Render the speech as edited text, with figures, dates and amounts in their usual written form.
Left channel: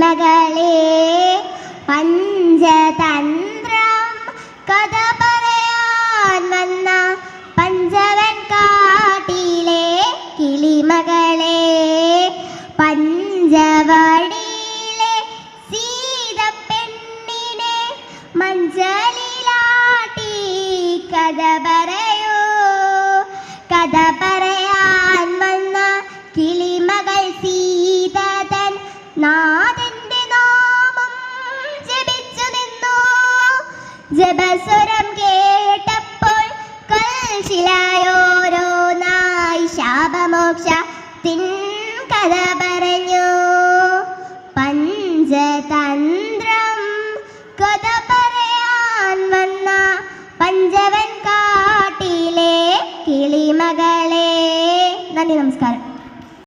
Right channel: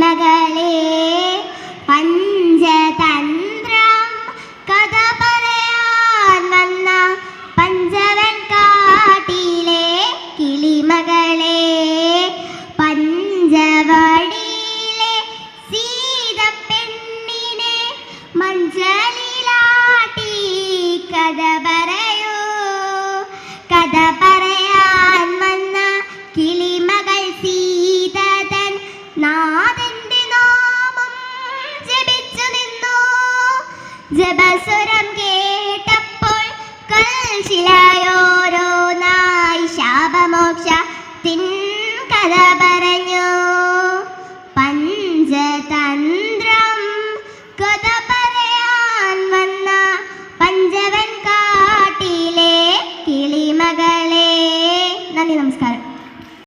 കിളിമകളെ പഞ്ചതന്ത്രം കഥ പറയാൻ വന്ന പഞ്ചവൻ കാട്ടിലെ കിളിമകളെ പഞ്ചവടിയിലെ സീതപ്പെണ്ണിനെ മഞ്ചലിലാട്ടി കഥ പറയൂ. കഥ പറയാൻ വന്ന കിളിമകൾ സീതതൻ നാഥന്റെ നാമം ജപിച്ചു നിന്നു. ജപസ്വരം കേട്ടപ്പോൾ കൽശിലായോരോന്നായി ശാപമോക്ഷത്തിൻ കഥ പറഞ്ഞു. പഞ്ചതന്ത്രം കഥ പറയാൻ വന്ന പഞ്ചവൻ കാട്ടിലെ കിളിമകളെ. നന്ദി, നമസ്കാരം.